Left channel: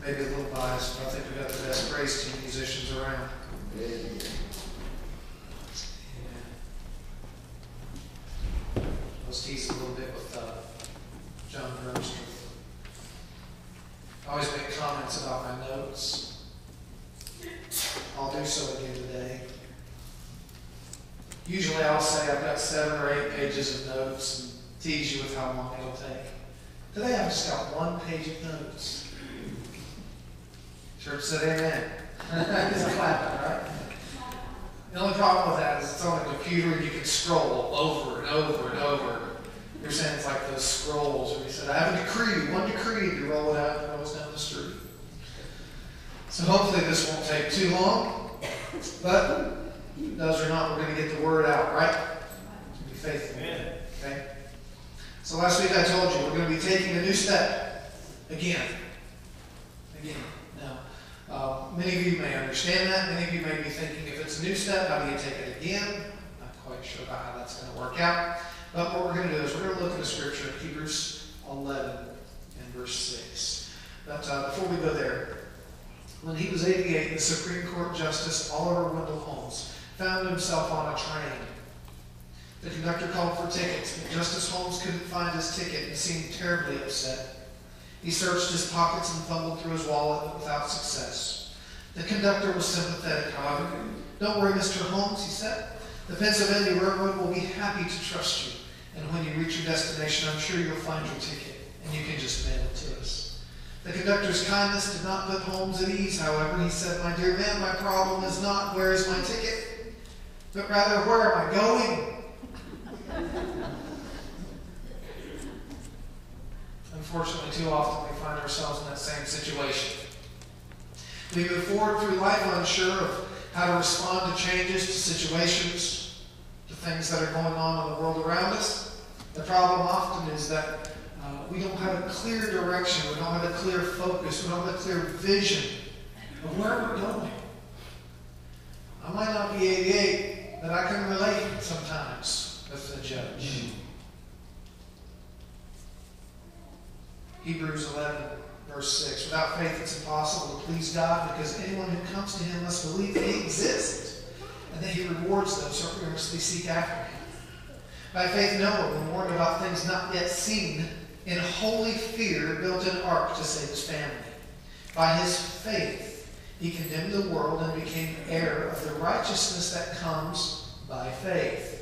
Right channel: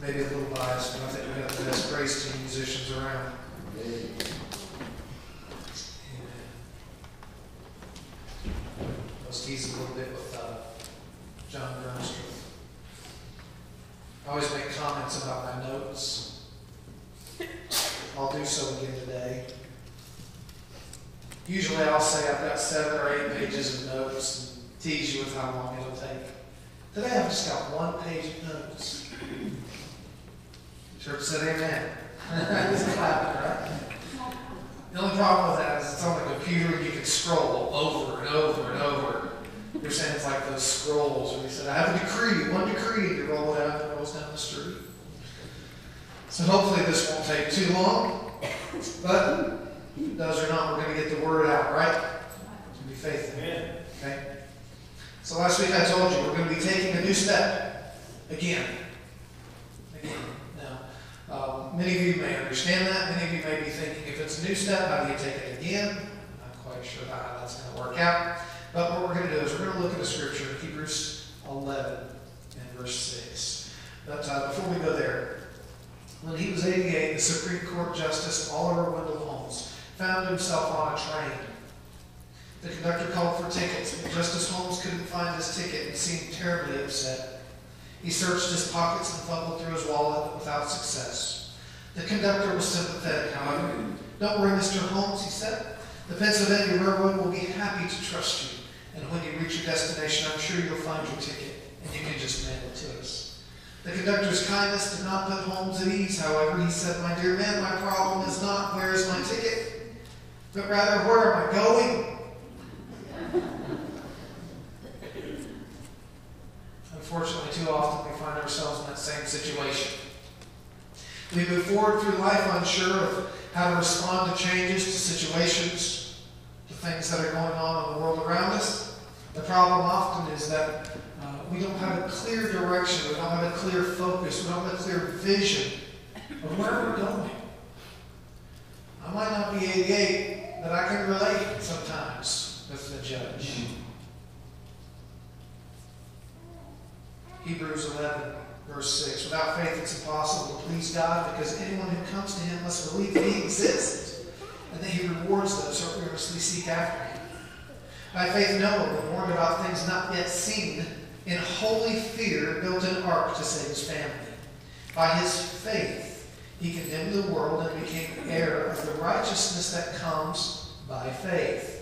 maybe a little biased, but I think we got the best praise team musicians around. Amen. I was teasing a little bit with John Grumster. I always make comments about my notes. I'll do so again today. Usually I'll say I've got 7 or 8 pages of notes and tease you with how long it'll take. Today I've just got 1 page of notes. Church said amen. It's clapping, right? The only problem with that is it's on the computer and you can scroll over and over and over. You're saying it's like those scrolls where you said, I have a decree, 1 decree, to roll it out and it rolls down the street. So hopefully this won't take too long. But if it does or not, we're going to get the word out, right? To be faithful. Okay? So last week I told you we're going to be taking a new step. Again. Now, many of you may understand that. Many of you may be thinking, if it's a new step, how do you take it again? I'm not quite sure about how that's going to work out. But what we're going to do is we're going to look at a scripture in Hebrews 11 and verse 6. But before we go there, when he was 88, the Supreme Court Justice Oliver Wendell Holmes found himself on a train. The conductor called for tickets, but Justice Holmes couldn't find his ticket and seemed terribly upset. He searched his pockets and fumbled through his wallet, but without success. The conductor was sympathetic, however. Don't worry, Mr. Holmes, he said. The Pennsylvania Railroad will be happy to trust you. And when you reach your destination, I'm sure you'll find your ticket, and you can just mail it to us. The conductor's kindness did not put Holmes at ease, however. He said, my dear man, my problem is not where is my ticket, but rather where am I going? Unfortunately, too often we find ourselves in that same situation. We move forward through life unsure of how to respond to changes, to situations, to things that are going on in the world around us. The problem often is that we don't have a clear direction, we don't have a clear focus, we don't have a clear vision of where we're going. I might not be 88, but I can relate sometimes with the judge. Hebrews 11, verse 6. Without faith it's impossible to please God, because anyone who comes to him must believe that he exists and that he rewards those who earnestly seek after him. By faith Noah, when warned about things not yet seen, in holy fear built an ark to save his family. By his faith he condemned the world and became heir of the righteousness that comes by faith.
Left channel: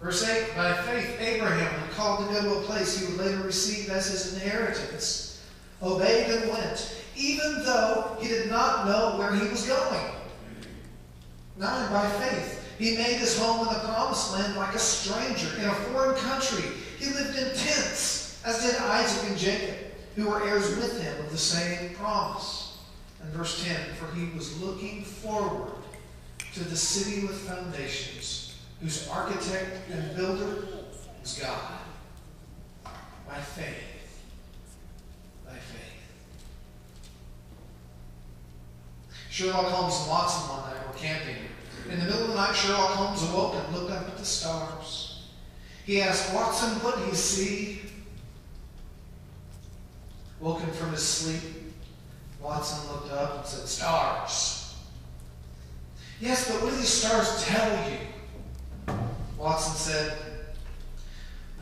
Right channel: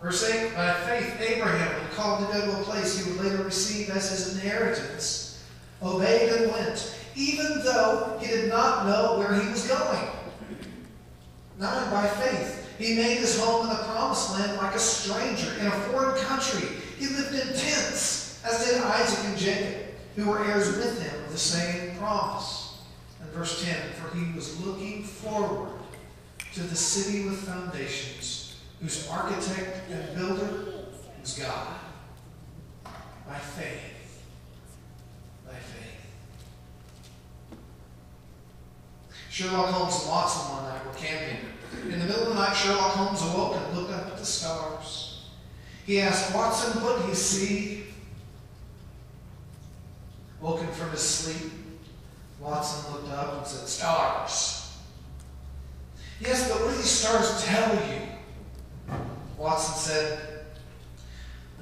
Verse 8, by faith Abraham, when called to go to a place he would later receive as his inheritance, obeyed and went, even though he did not know where he was going. 9, by faith he made his home in the promised land like a stranger in a foreign country. He lived in tents, as did Isaac and Jacob, who were heirs with him of the same promise. And verse 10, for he was looking forward to the city with foundations, whose architect and builder is God. By faith. By faith. Sherlock Holmes and Watson one night were camping. In the middle of the night, Sherlock Holmes awoke and looked up at the stars. He asked, Watson, what do you see? Woken from his sleep, Watson looked up and said, stars. Yes, but what do these stars tell you? Watson said,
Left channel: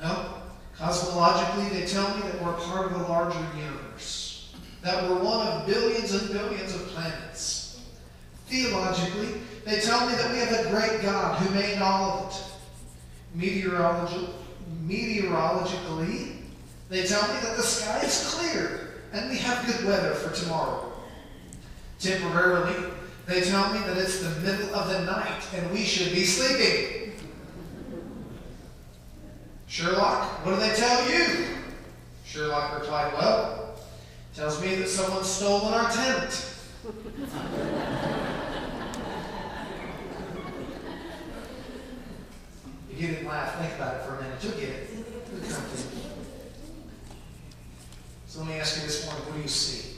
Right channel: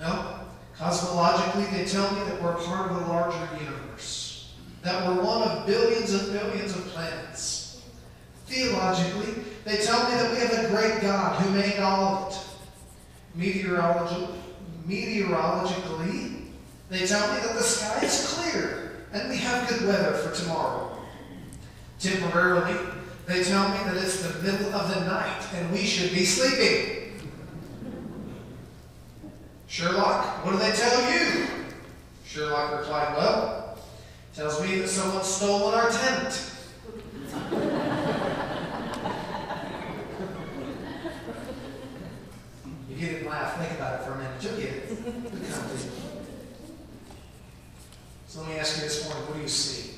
well, cosmologically they tell me that we're part of a larger universe, that we're one of billions and billions of planets. Theologically, they tell me that we have a great God who made all of it. Meteorologically, they tell me that the sky is clear and we have good weather for tomorrow. Temporarily, they tell me that it's the middle of the night and we should be sleeping. Sherlock, what do they tell you? Sherlock replied, well, it tells me that someone's stolen our tent. You didn't laugh. Think about it for a minute. You'll get it. It'll come to you. So let me ask you this morning, what do you see?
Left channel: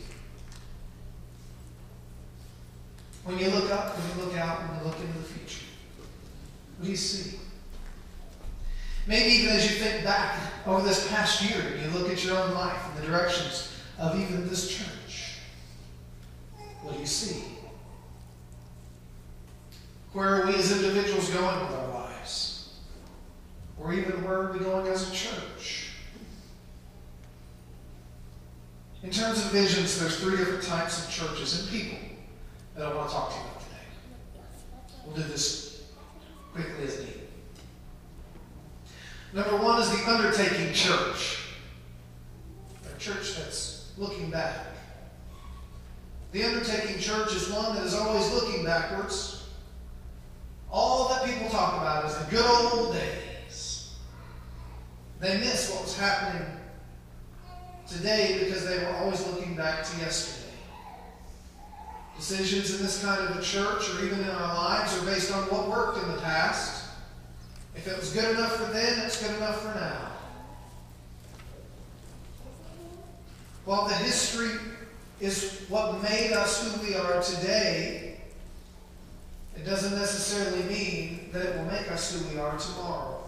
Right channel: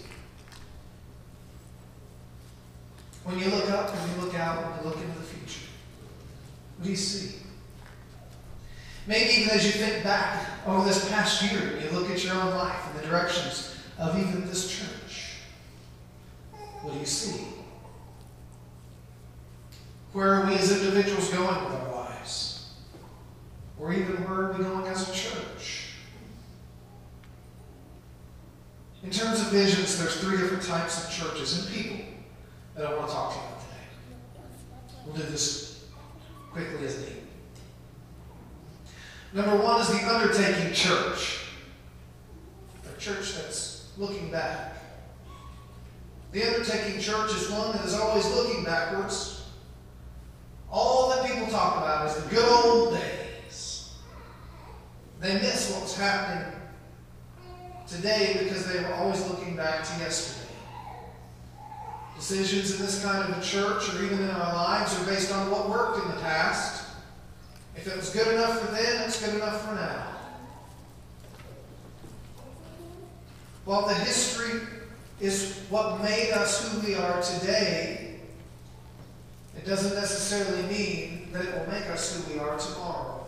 When you look up, when you look out, when you look into the future, what do you see? Maybe even as you think back over this past year, and you look at your own life and the directions of even this church. individuals going with our lives? Or even where are we going as a church? In terms of visions, there's 3 different types of churches and people that I want to talk to you about today. We'll do this quickly as needed. Number 1 is the undertaking church. A church that's looking back. The undertaking church is one that is always looking backwards. All that people talk about is the good old days. They miss what was happening today because they were always looking back to yesterday. Decisions in this kind of a church or even in our lives are based on what worked in the past. If it was good enough for then, it's good enough for now. While the history is what made us who we are today, it doesn't necessarily mean that it will make us who we are tomorrow.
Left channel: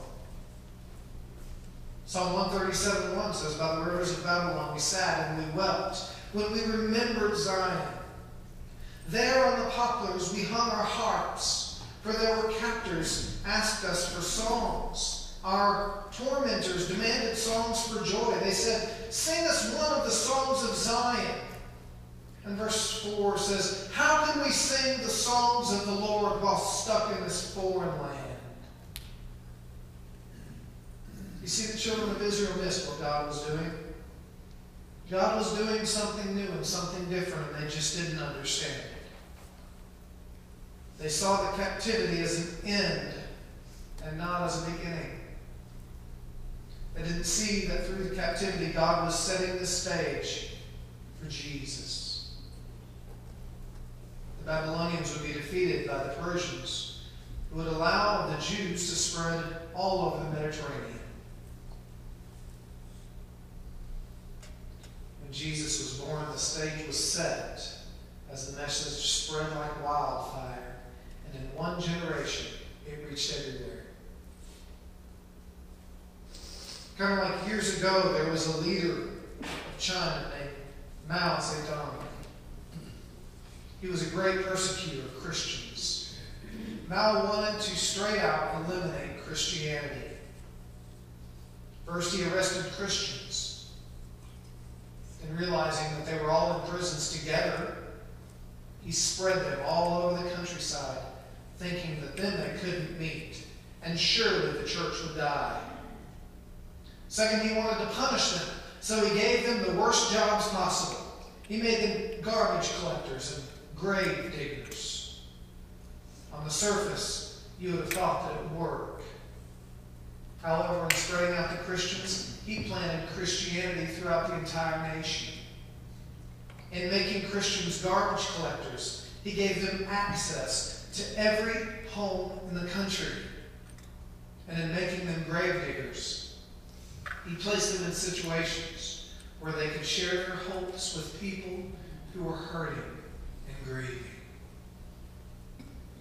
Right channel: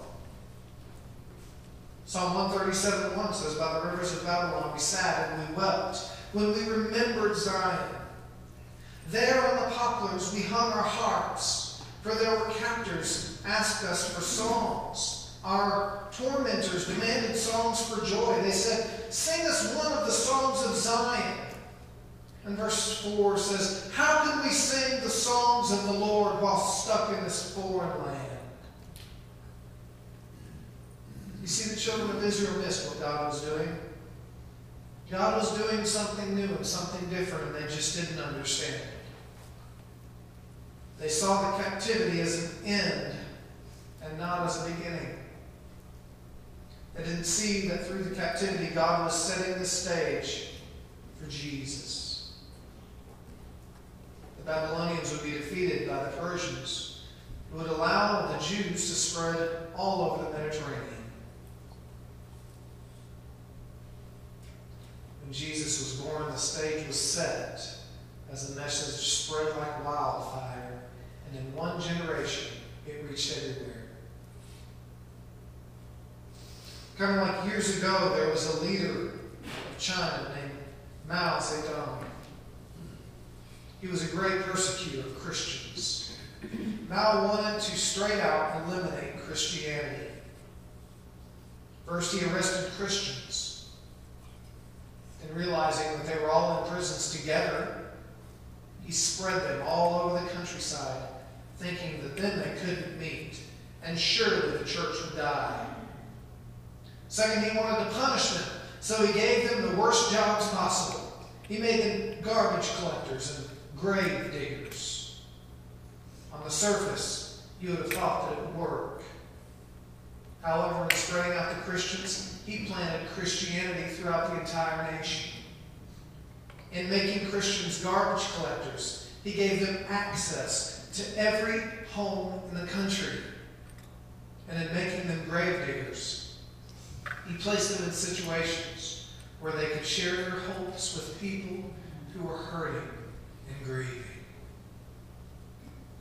Psalm 137:1 says, "By the rivers of Babylon we sat and we wept when we remembered Zion. There on the poplars we hung our harps, for there were captors asked us for songs. Our tormentors demanded songs for joy. They said, 'Sing us one of the songs of Zion.'" And verse 4 says, "How can we sing the songs of the Lord while stuck in this foreign land?" You see, the children of Israel missed what God was doing. God was doing something new and something different, and they just didn't understand it. They saw the captivity as an end and not as a beginning. They didn't see that through the captivity, God was setting the stage for Jesus. The Babylonians would be defeated by the Persians, who would allow the Jews to spread all over the Mediterranean. When Jesus was born, the stage was set as the message spread like wildfire. And in one generation, it reached everywhere. Kind of like years ago, there was a leader of China named Mao Zedong. He was a great persecutor of Christians. Mao wanted to straight out eliminate Christianity. First, he arrested Christians. And realizing that they were all in prisons together, he spread them all over the countryside, thinking that then they couldn't meet, and surely the church would die. Second, he wanted to punish them, so he gave them the worst jobs possible. He made them garbage collectors and grave diggers. On the surface, you would have thought that it would work. However, in spreading out the Christians, he planted Christianity throughout the entire nation. In making Christians garbage collectors, he gave them access to every home in the country. And in making them grave diggers, he placed them in situations where they could share their hopes with people who were hurting and grieving.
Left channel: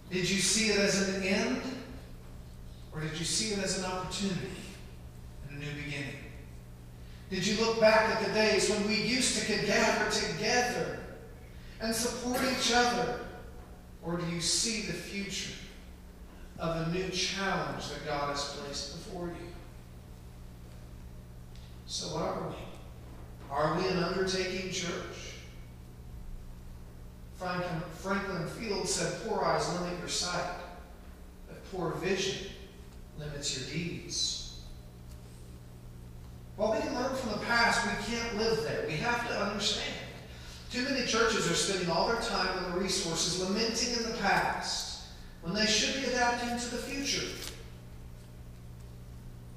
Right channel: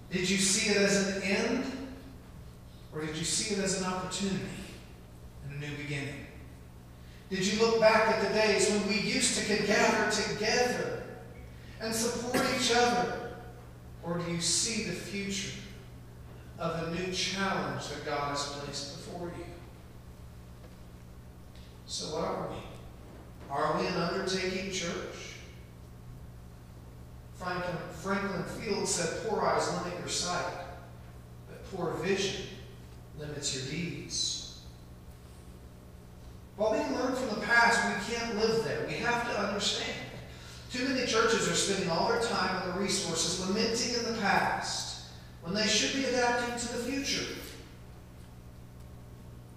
Did you see it as an end? Or did you see it as an opportunity and a new beginning? Did you look back at the days when we used to gather together and support each other? Or do you see the future of a new challenge that God has placed before you? So what are we? Are we an undertaking church? Franklin Field said, "Poor eyes limit your sight, but poor vision limits your deeds." While we can learn from the past, we can't live there. We have to understand. Too many churches are spending all their time and the resources lamenting in the past when they should be adapting to the future.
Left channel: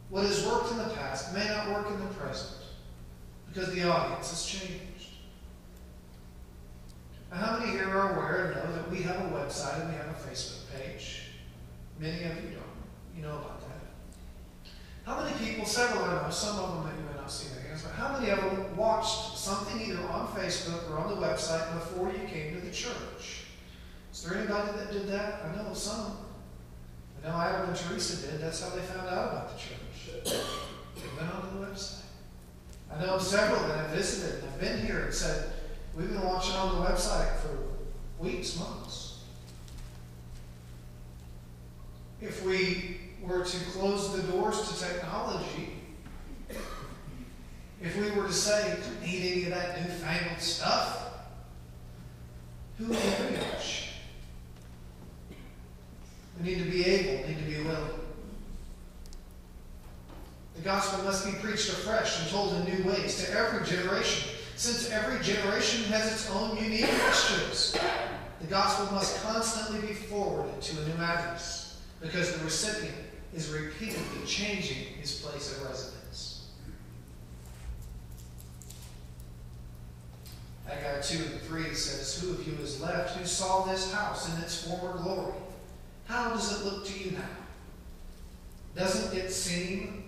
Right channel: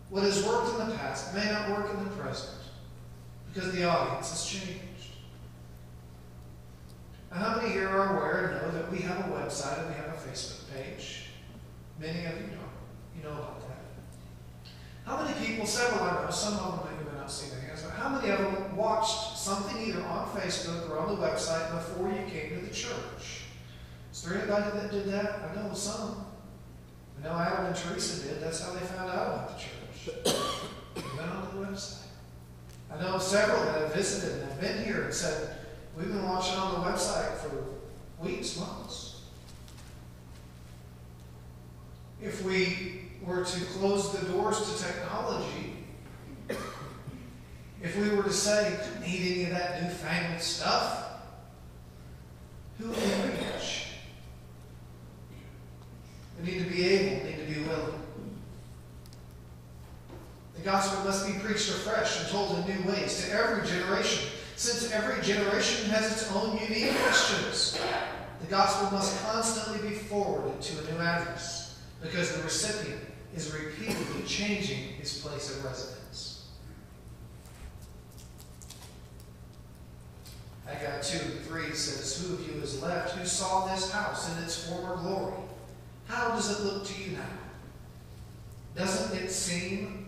What has worked in the past may not work in the present because the audience has changed. Now, how many here are aware and know that we have a website and we have a Facebook page? Many of you don't. You know about that. How many people, several I know, some of them that you may not see their hands, but how many of them watched something either on Facebook or on the website before you came to the church? Is there anybody that did that? I know some. I know Adam and Teresa did. That's how they found out about the church. They went on the website. I know several that have visited and have been here and said, "We've been watching on the website for weeks, months." if we were to close the doors to technology, if we were to say, "Don't need any of that newfangled stuff," who would we reach? We need to be able, need to be willing. The gospel must be preached afresh and told in new ways to every generation, since every generation has its own unique questions. The gospel must constantly be forwarded to a new address, because the recipient is repeatedly changing his place of residence. Haggai 2:3 says, "Who of you is left who saw this house in its former glory? How does it look to you now? Doesn't it seem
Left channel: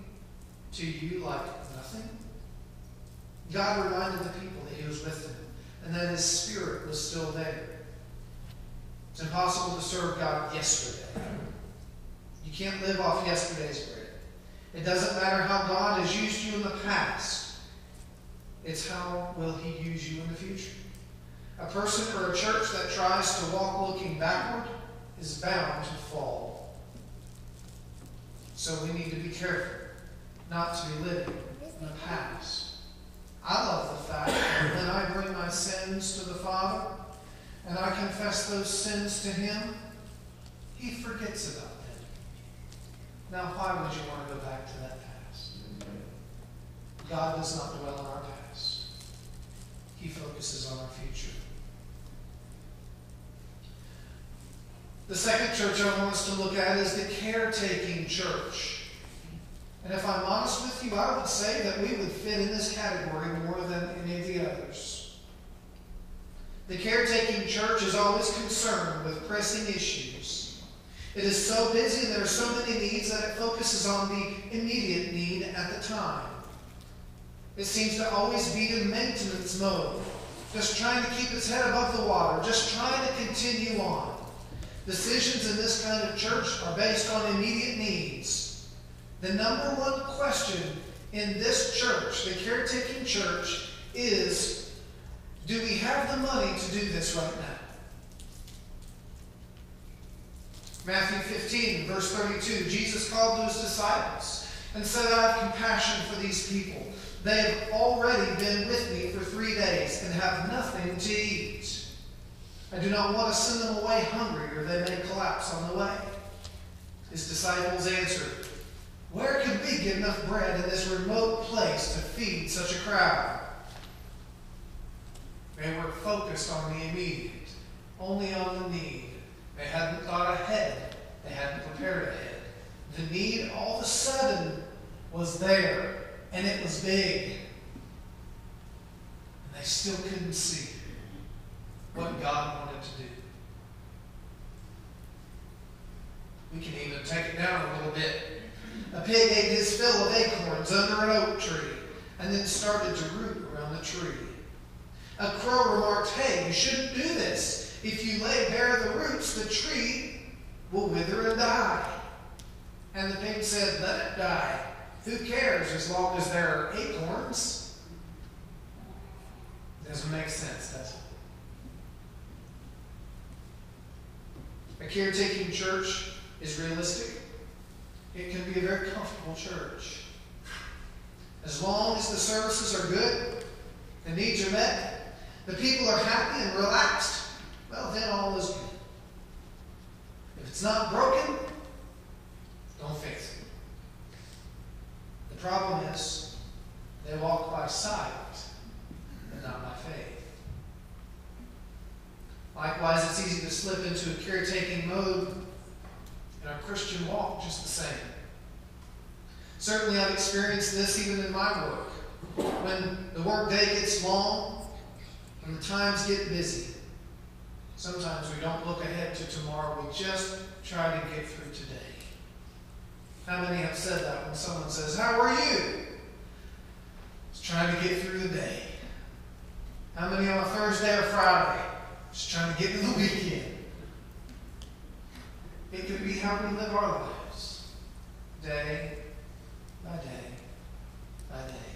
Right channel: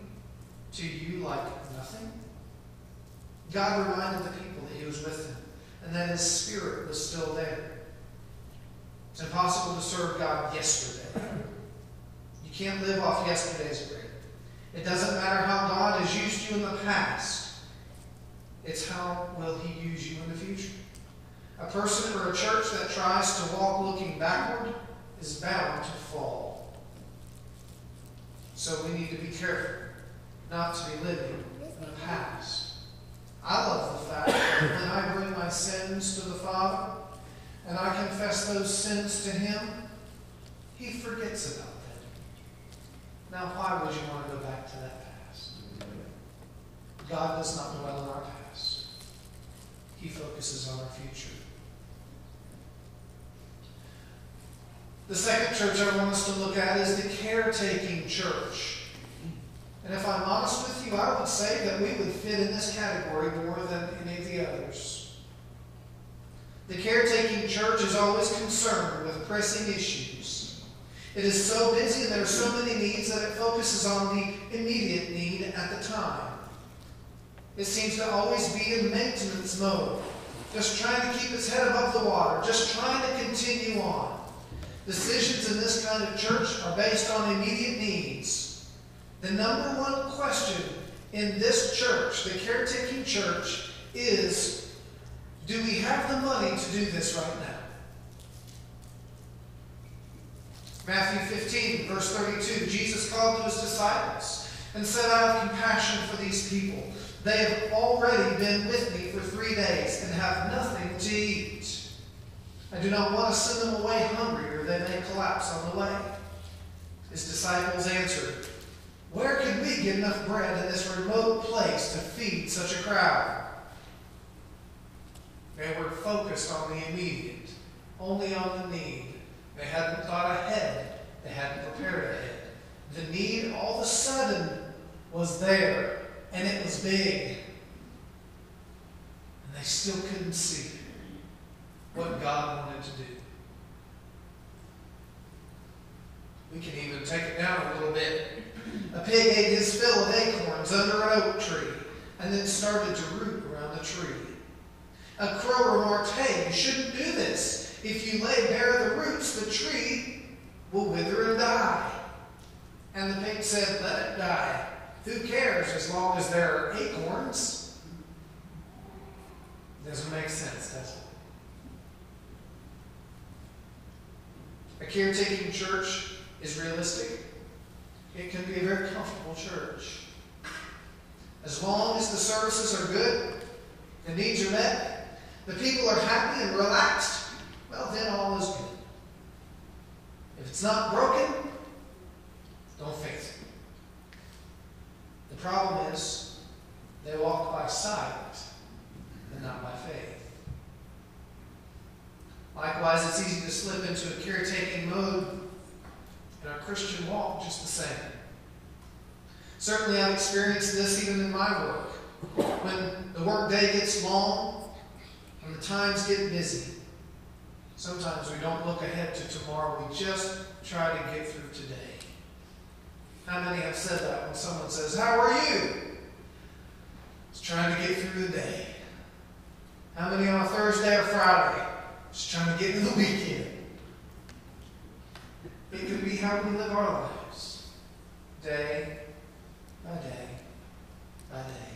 to you like nothing?" God reminded the people that he was with them and that his spirit was still there. It's impossible to serve God yesterday. You can't live off yesterday's bread. It doesn't matter how God has used you in the past. It's how will he use you in the future. A person or a church that tries to walk looking backward is bound to fall. So we need to be careful not to be living in the past. I love the fact that when I bring my sins to the Father and I confess those sins to him, he forgets about them. Now, why would you want to go back to that past? God does not dwell in our past. He focuses on our future. The second church I want us to look at is the caretaking church. And if I'm honest with you, I would say that we would fit in this category more than any of the others. The caretaking church is always concerned with pressing issues. It is so busy and there are so many needs that it focuses on the immediate need at the time. It seems to always be in maintenance mode, just trying to keep its head above the water, just trying to continue on. Decisions in this kind of church are based on immediate needs. The number one question in this church, the caretaking church, is, do we have the money to do this right now? Matthew 15, verse 32, Jesus called to his disciples and said, "I have compassion for these people. They have already been with me for 3 days and have nothing to eat. I do not want to send them away hungry, or they may collapse on the way." His disciples answered, "Where could we get enough bread in this remote place to feed such a crowd?" They were focused on the immediate, only on the need. They hadn't thought ahead. They hadn't prepared ahead. The need all of a sudden was there, and it was big. And they still couldn't see what God wanted to do. We can even take it down a little bit. A pig ate his fill of acorns under an oak tree and then started to root around the tree. A crow remarked, "Hey, you shouldn't do this. If you lay bare the roots, the tree will wither and die." And the pig said, "Let it die. Who cares as long as there are acorns?" Doesn't make sense, does it? A caretaking church is realistic. It can be a very comfortable church. As long as the services are good, the needs are met, the people are happy and relaxed, well, then all is good. If it's not broken, don't fix it. The problem is, they walk by sight and not by faith. Likewise, it's easy to slip into a caretaking mode in our Christian walk just the same. Certainly I've experienced this even in my work. When the work day gets long and the times get busy, sometimes we don't look ahead to tomorrow. We just try to get through today. How many have said that when someone says, "How are you?" Just trying to get through the day. How many on a Thursday or Friday? Just trying to get into the weekend. It could be how we live our lives, day by day by day.